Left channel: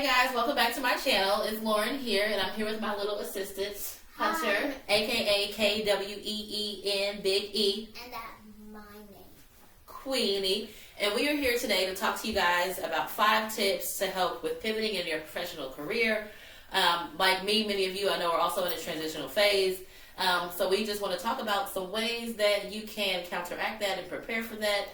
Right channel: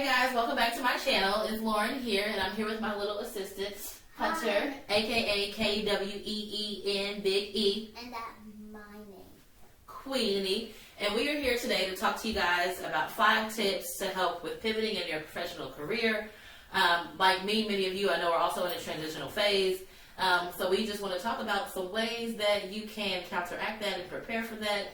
Hey guys, welcome back to my channel. It's Lauren here, and I'm here with my little assistant, Hunter, aka Kween, Big E. And that's my name. Queenie. And we are here today to talk to you guys about 5 tips to help with pivoting in your professional career. Like me, many of you I know are also in a transitional phase. So we just want to talk about some ways that you can counteract that and prepare for that.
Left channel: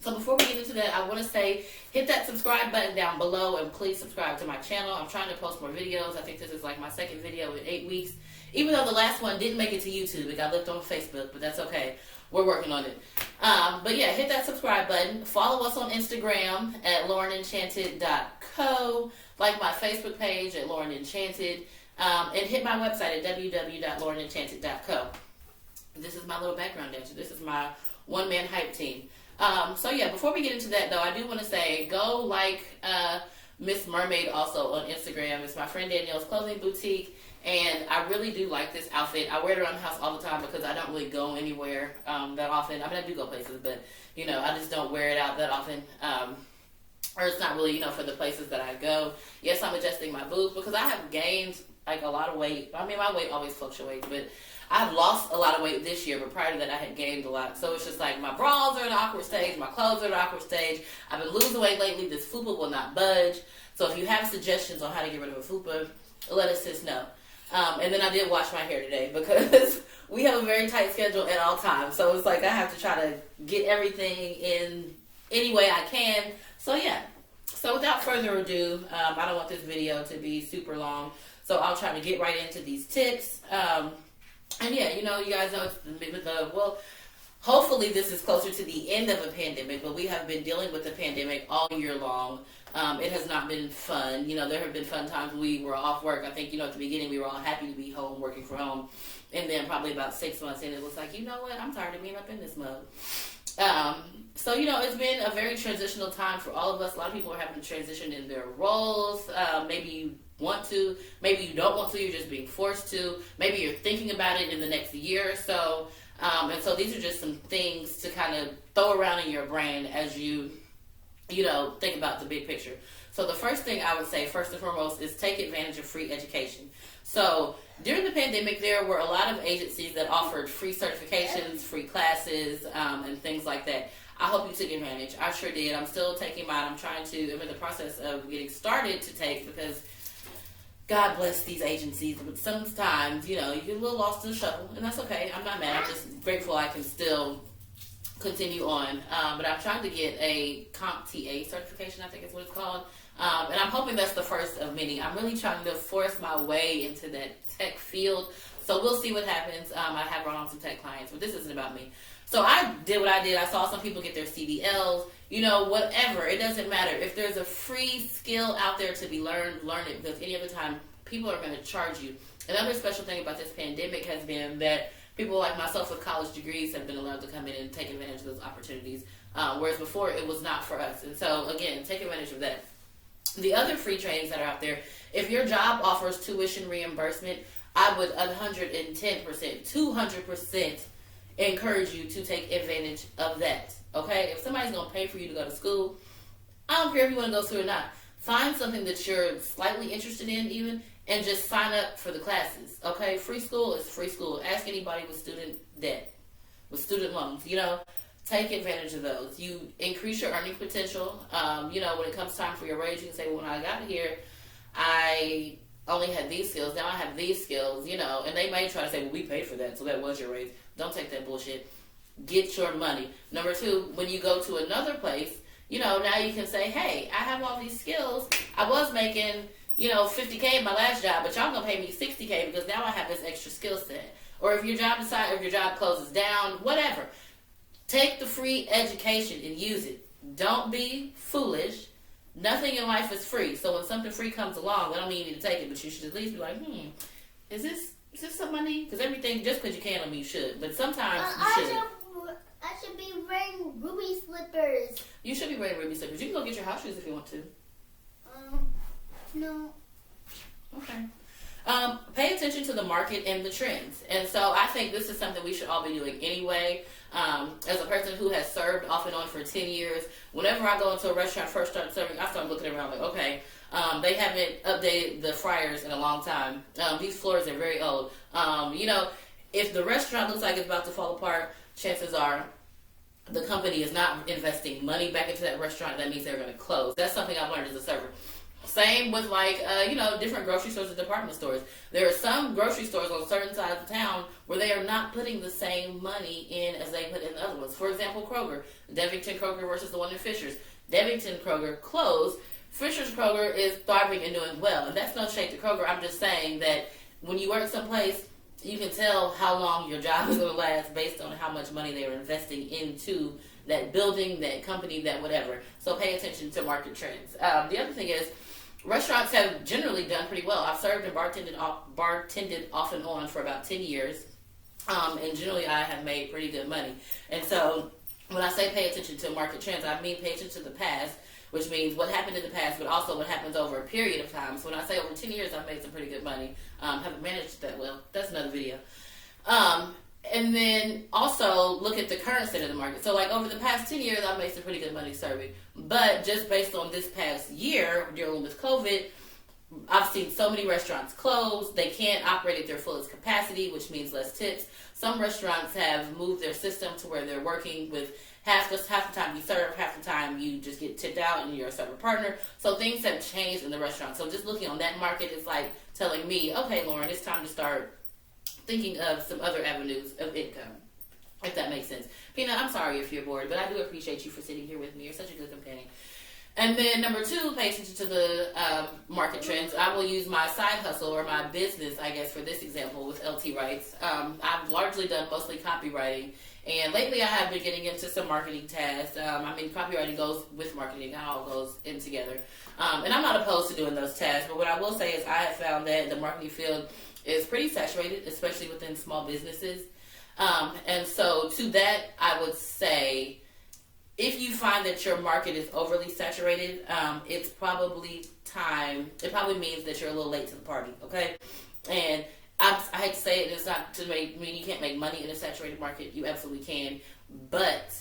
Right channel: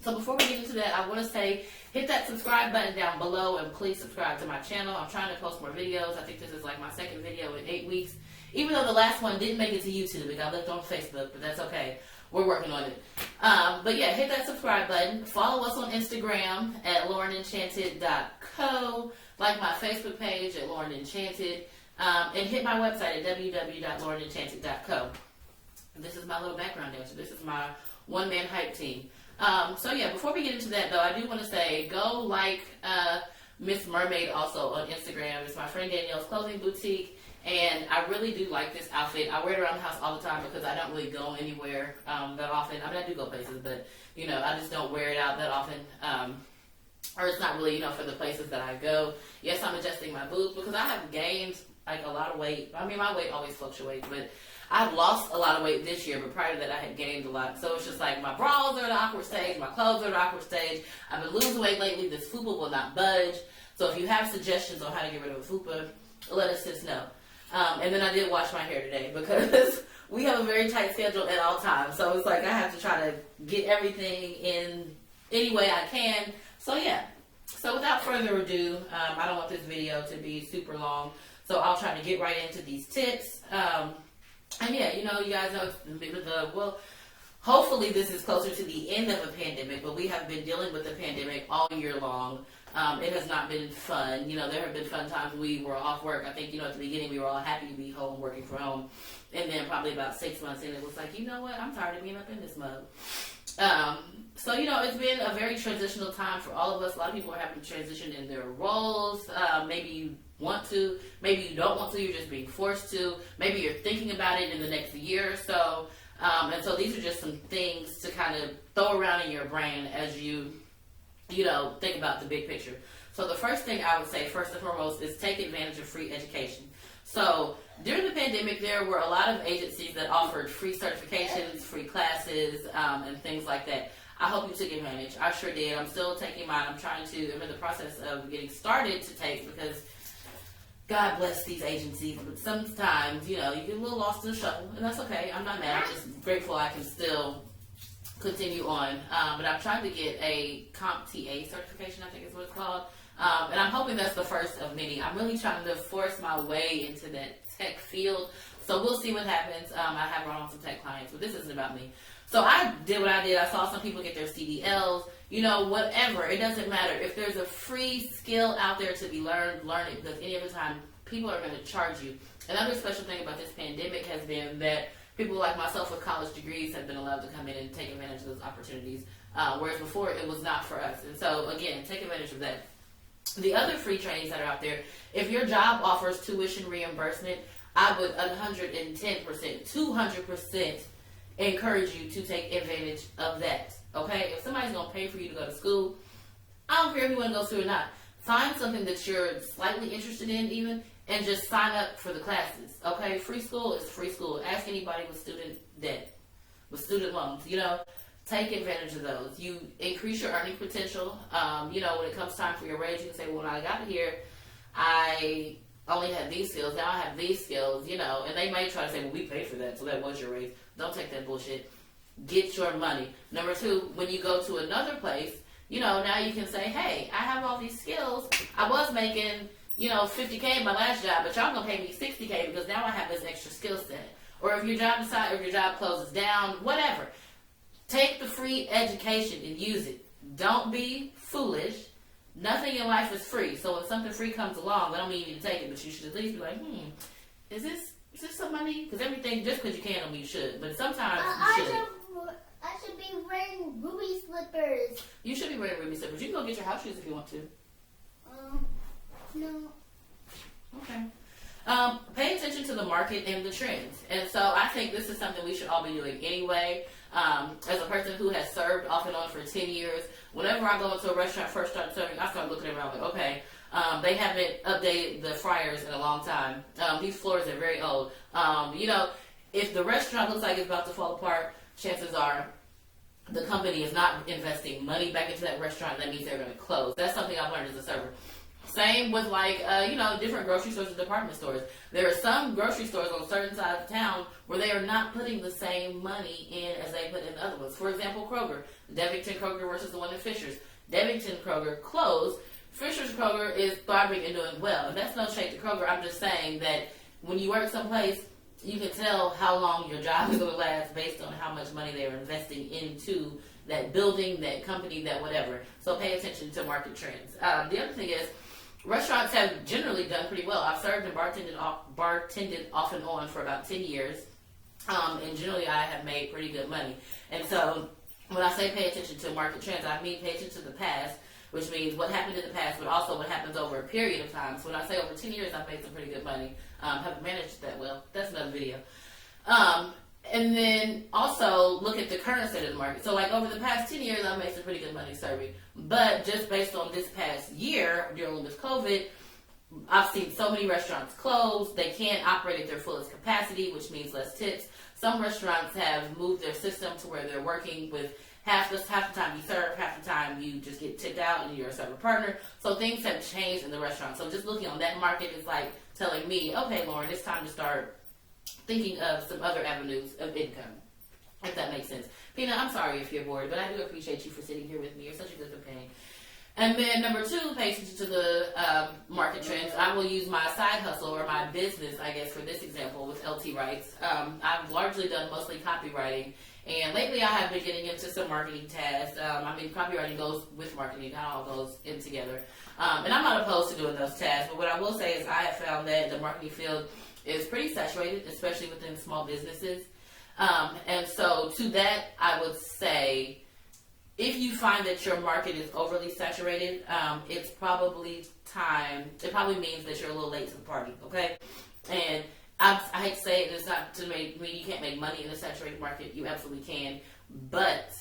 So before we get into that, I want to say, hit that subscribe button down below and please subscribe to my channel. I'm trying to post more videos. I think this is like my second video in 8 weeks. Even though the last one didn't make it to YouTube, it got left on Facebook, but that's okay. We're working on it. But yeah, hit that subscribe button. Follow us on Instagram at LaurenEnchanted.co. Like my Facebook page at LaurenEnchanted. And hit my website at www.LaurenEnchanted.co. This is my little background dancer. This is my one-man hype team. Before we get into that though, I do want to say, go like Miss Mermaid also on Instagram. It's my friend Danielle's clothing boutique, and I really do like this outfit. I wear it around the house all the time because I don't really go anywhere that often. I mean, I do go places, but I just don't wear it out that often. Or it's not really, for the places that I go. Yes, I'm adjusting my boobs because I have gained like a lot of weight. I mean, my weight always fluctuates, but I've lost a lot of weight this year, but prior to that I had gained a lot. So it's just like my bras are at an awkward stage, my clothes are at an awkward stage. I've been losing weight lately. This fupa will not budge. So if you have suggestions on how to get rid of a fupa, let us just know. And then I did wash my hair today because we have a very tight schedule at all times. So it's like I have to try to get everything in any way I can. So yeah. So without further ado, I don't want this video to be super long. So I'll try to get right into these tips. And yeah, you guys know hopefully this is closer to the end of a pandemic, but we have been dealing with the pandemic all year long. It has not been fun. There have been fun times we were off work. I think, at the beginning we were all happy to be home, working from home. And then probably about 6 months in, it was like, you know what, I'm tired of being up in this mode. It's been a very transitional time for all of us. A lot of people are having to transition in their roles. Maybe you want to, maybe you don't want to, you're just being forced to. Maybe you're thinking about it in the next year or so. And so these are just some things to kind of throw around in your brain as you think about the big picture. So the first thing I would say, first and foremost, is take advantage of free education. So during the pandemic, there were a lot of agencies that offered free certifications, free classes, and things like that. I hope you took advantage. I sure did. I'm still taking mine. I'm in the process of getting started to take, because God bless these agencies, but sometimes, you get a little lost in the shuffle, and that's okay. I'm not mad. I'm just grateful I can still continue on. But I'm trying to get a CompTIA certification, I think is what it's called. And I'm hoping that's the first of many. I'm really trying to force my way into that tech field. So we'll see what happens. I have run on some tech clients, but this isn't about me. So I did what I did. I saw some people get their CDLs, whatever. It doesn't matter. If there's a free skill out there to be learned, learn it, because any other time people are going to charge you. Another special thing about this pandemic has been that people like myself with college degrees have been allowed to come in and take advantage of those opportunities, whereas before it was not for us. And so, again, take advantage of that. The other free trainings that are out there, if your job offers tuition reimbursement, I would 110%, 200% encourage you to take advantage of that. Okay? If somebody's going to pay for you to go to school, I don't care if you want to go to school or not. Find something that you're slightly interested in even, and just sign up for the classes. Okay? Free school is free school. Ask anybody with student debt, with student loans. Take advantage of those. You increase your earning potential. When it comes time for your raise, you can say, well, when I got here, I only had these skills. Now I have these skills, and they may try to say, well, we paid for that, so that was your raise. Don't take that bullshit. Get your money. Number 2, when you go to another place, now you can say, hey, I have all these skills. I was making, $50K in my last job, but y'all gonna pay me $60K because now I have this extra skill set. Or if your job closes down, whatever. Take the free education and use it. Don't be foolish. Nothing in life is free. So when something free comes along, that don't mean you need to take it, but you should at least be like, is this something I need? Because everything, just because you can, don't mean you should. But sometimes you should. I should be wearing ruby slippers. You should be wearing ruby slippers. You can go get your house shoes if you want to. No. Okay. Pay attention to the market and the trends. And so I think this is something we should all be doing anyway. As a person who has served off and on for 10 years, whenever I go into a restaurant, first start serving, I start looking around like, okay, they haven't updated the fryers in a long time. These floors are very old. If the restaurant looks like it's about to fall apart, chances are the company is not investing money back into that restaurant. That means they're going to close. That's something I've learned as a server. Same with different grocery stores and department stores. There are some grocery stores on certain sides of town where they are not putting the same money in as they put in other ones. For example, Kroger. Devington Kroger versus the one in Fishers. Devington Kroger closed. Fishers Kroger is thriving and doing well. And that's no shade to Kroger. I'm just saying that when you work someplace, you can tell how long your job is going to last based on how much money they're investing into that building, that company, that whatever. So pay attention to market trends. The other thing is, restaurants have generally done pretty well. I've served and bartended off and on for about 10 years. And generally I have made pretty good money. And so when I say pay attention to market trends, I mean pay attention to the past, which means what happened in the past, but also what happens over a period of time. So when I say over 10 years, I've made some pretty good money. Haven't managed that well. That's another video. And then also look at the current state of the market. So like over the past 10 years, I've made some pretty good money serving. But just based on this past year, dealing with COVID, I've seen so many restaurants close. They can't operate at their fullest capacity, which means less tips. Some restaurants have moved their system to where they're working with half the time you serve, half the time you just get tipped out and you're a server partner. So things have changed in the restaurant. So just looking on that market is like telling me, okay, Lauren, it's time to start thinking of some other avenues of income, if that makes sense. Pina, I'm sorry if you're bored, but I do appreciate you for sitting here with me. You're such a good companion. And then number 2, pay attention to the market trends. I will use my side hustle or my business, I guess, for this example with LT Writes. I've largely done mostly copywriting. And lately I have been getting into some marketing tasks. Copywriting goes with marketing. It all goes in together. And I'm not opposed to doing those tasks. But what I will say is I have found that the marketing field is pretty saturated, especially within small businesses. And so to that, I would say, if you find that your market is overly saturated, it's probably time. It probably means that you're a little late to the party, okay? And I hate to say it, it's not to mean you can't make money in a saturated market. You absolutely can. But,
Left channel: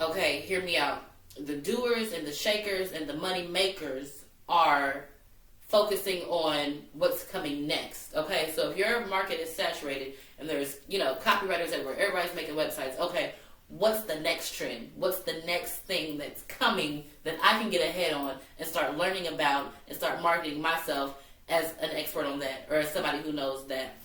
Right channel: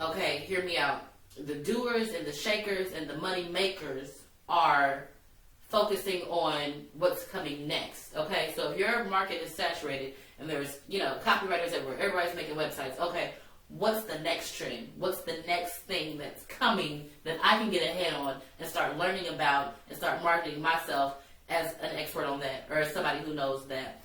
okay, hear me out. The doers and the shakers and the money makers are focusing on what's coming next, okay? So if your market is saturated and there's, copywriters everywhere, everybody's making websites, okay, what's the next trend? What's the next thing that's coming that I can get ahead on and start learning about and start marketing myself as an expert on that or as somebody who knows that?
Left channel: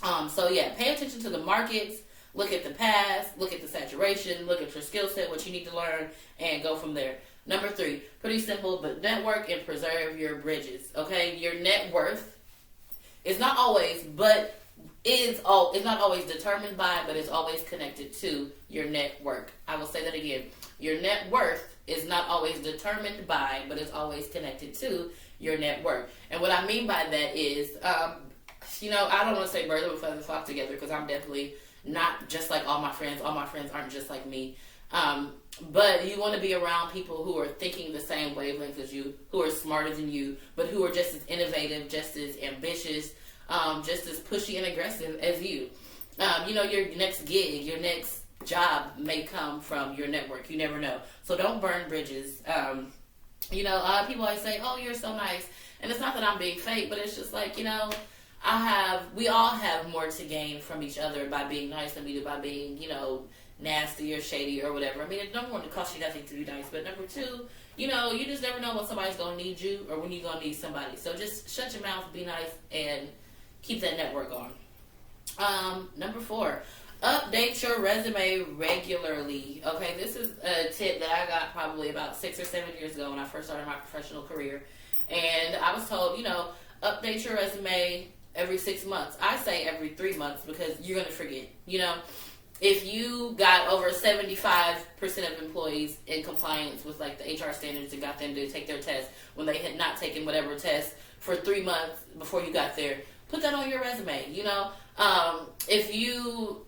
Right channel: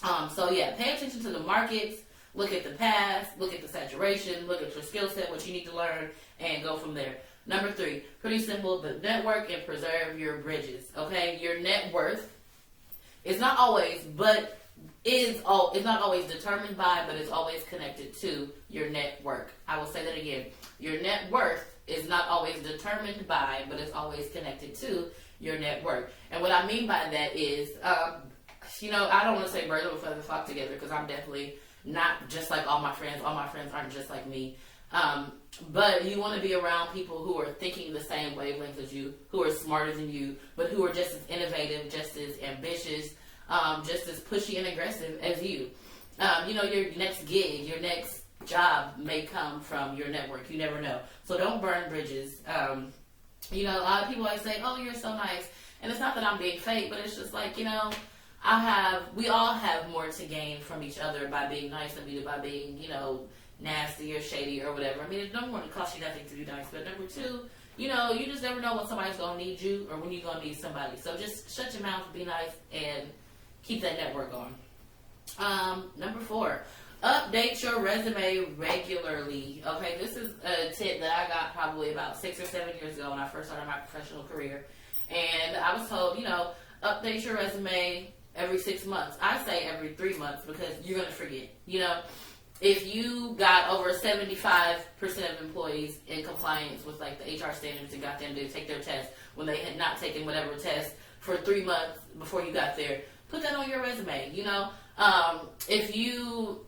Pay attention to the markets, look at the past, look at the saturation, look at your skill set, what you need to learn, and go from there. Number 3, pretty simple, but network and preserve your bridges, okay? Your net worth is not always, it's not always determined by, but it's always connected to your network. I will say that again. Your net worth is not always determined by, but it's always connected to your net worth. And what I mean by that is, I don't want to say birds of a feather flock together because I'm definitely not just like all my friends. All my friends aren't just like me. But you want to be around people who are thinking the same wavelength as you, who are smarter than you, but who are just as innovative, just as ambitious, just as pushy and aggressive as you. Your next gig, your next job may come from your network. You never know. So don't burn bridges. People always say, oh, you're so nice. And it's not that I'm being fake, but it's just like, we all have more to gain from each other by being nice than we do by being, nasty or shady or whatever. I mean, it number 1, it costs you nothing to be nice, but number 2, you just never know when somebody's gonna need you or when you're gonna need somebody. So just shut your mouth, be nice, and keep that network going. Number 4, update your resume regularly. Okay, this is a tip that I got probably about 6 or 7 years ago when I first started my professional career, and I was told, update your resume every 6 months. I say every 3 months because you're gonna forget. If you got over 75% of employees in compliance with like the HR standards and got them to take their test when they had not taken whatever test for 3 months before you got there, put that on your resume. If you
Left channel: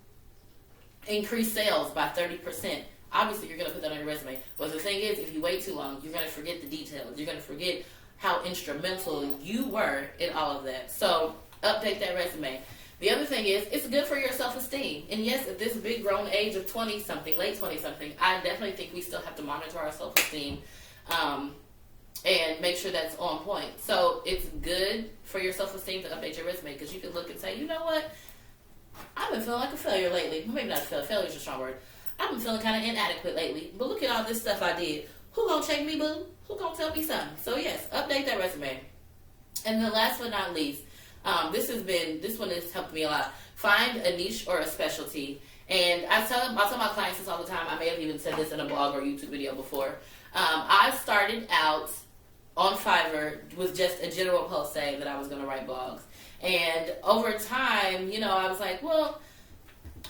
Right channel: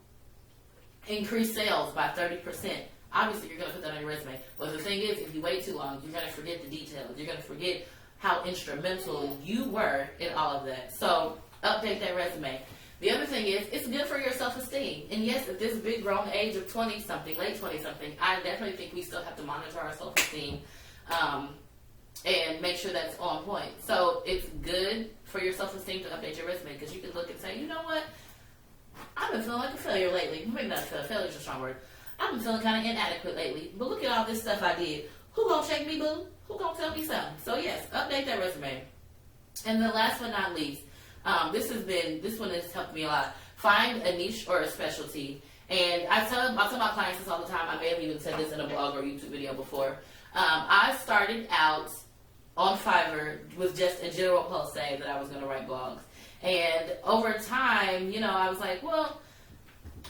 increase sales by 30%, obviously you're going to put that on your resume. But the thing is, if you wait too long, you're going to forget the details. You're going to forget how instrumental you were in all of that. So update that resume. The other thing is, it's good for your self-esteem. And yes, at this big grown age of 20-something, late 20-something, I definitely think we still have to monitor our self-esteem and make sure that's on point. So it's good for your self-esteem to update your resume because you can look and say, you know what? I've been feeling like a failure lately. Maybe not a failure. Failure is a strong word. I've been feeling kind of inadequate lately. But look at all this stuff I did. Who gonna check me, boo? Who gonna tell me something? So yes, update that resume. And then last but not least, this one has helped me a lot. Find a niche or a specialty. And I tell my clients this all the time. I may have even said this in a blog or YouTube video before. I started out on Fiverr with just a general post saying that I was going to write blogs. And over time, I was like, well,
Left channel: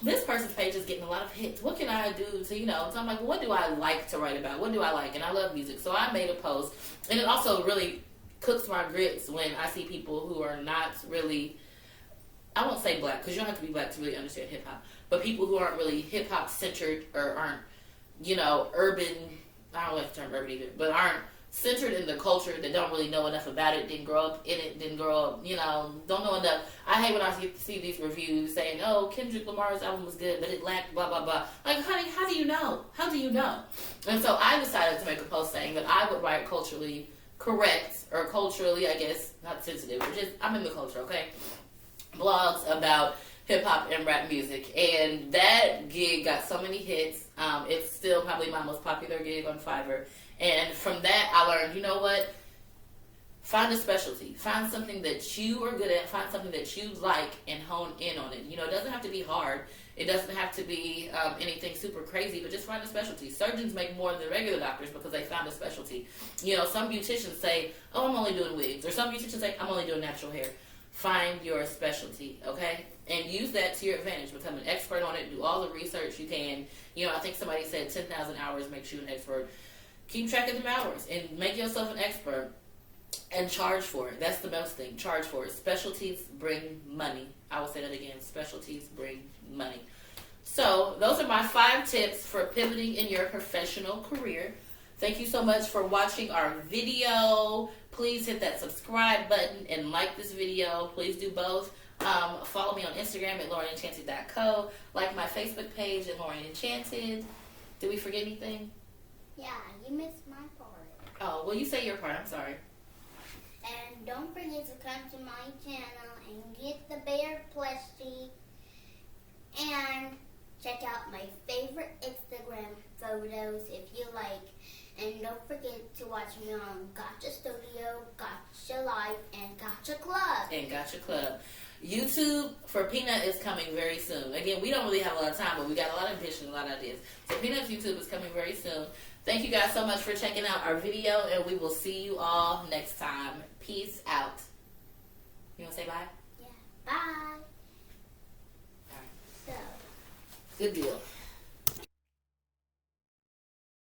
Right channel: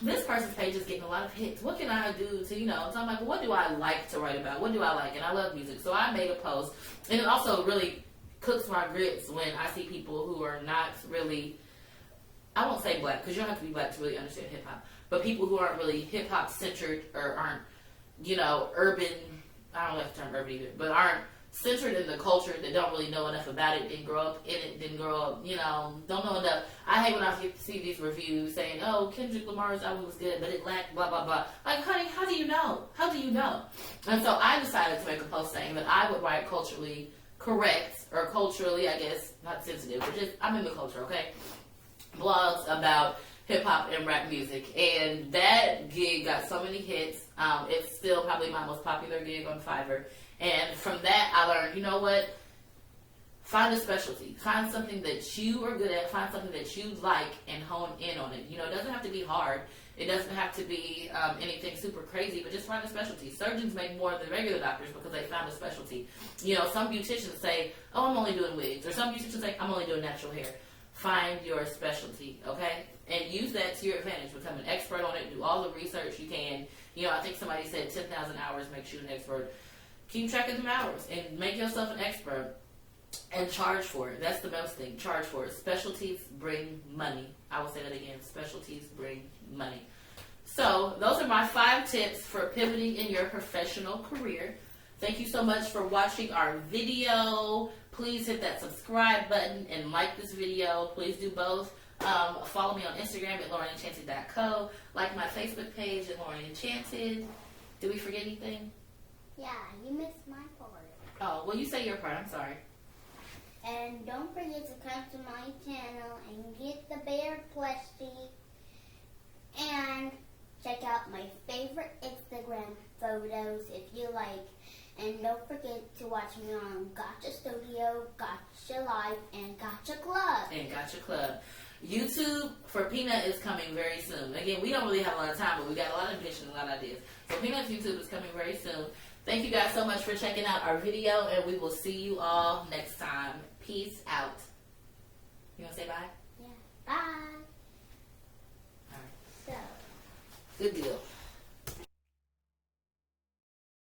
this person's page is getting a lot of hits. What can I do to, so I'm like, well, what do I like to write about? What do I like? And I love music. So I made a post. And it also really cooks my grits when I see people who are not really, I won't say black, because you don't have to be black to really understand hip-hop, but people who aren't really hip-hop centered or aren't, urban, I don't like the term urban either, but aren't centered in the culture, that don't really know enough about it, didn't grow up in it, didn't grow up, don't know enough. I hate when I see these reviews saying, oh, Kendrick Lamar's album was good, but it lacked blah, blah, blah. Like, honey, how do you know? How do you know? And so I decided to make a post saying that I would write culturally correct, or culturally, I guess, not sensitive, but just, I'm in the culture, okay? Blogs about hip-hop and rap music. And that gig got so many hits. It's still probably my most popular gig on Fiverr. And from that, I learned, you know what? Find a specialty. Find something that you are good at. Find something that you like and hone in on it. It doesn't have to be hard. It doesn't have to be anything super crazy, but just find a specialty. Surgeons make more than regular doctors because they found a specialty. Some beauticians say, oh, I'm only doing wigs. Or some beauticians say, I'm only doing natural hair. Find your specialty, okay? And use that to your advantage. Become an expert on it. Do all the research you can. I think somebody said 10,000 hours makes you an expert. Keep track of them hours and make yourself an expert and charge for it. That's the most thing. Charge for it. Specialties bring money. I will say that again. Specialties bring money. So those are my 5 tips for pivoting in your professional career. Thank you so much for watching our video. Please hit that subscribe button and like this video. Please do both. Follow me on Instagram at LaurenEnchanted.co. Like my Facebook page at LaurenEnchanted. Did we forget anything? Yeah, you missed my part. Oh, well, you say your part. I'm sorry. And don't forget to come to my channel and get the bear plushie. And check out my favorite Instagram photos if you like. And don't forget to watch me on Gotcha Studio, Gotcha Life, and Gotcha Club. YouTube for Peanut is coming very soon. Again, we don't really have a lot of time, but we got a lot of ambition, a lot of ideas. So Peanut's YouTube is coming very soon. Thank you guys so much for checking out our video, and we will see you all next time. Peace out. You want to say bye? Yeah, bye. All right. So. Good deal.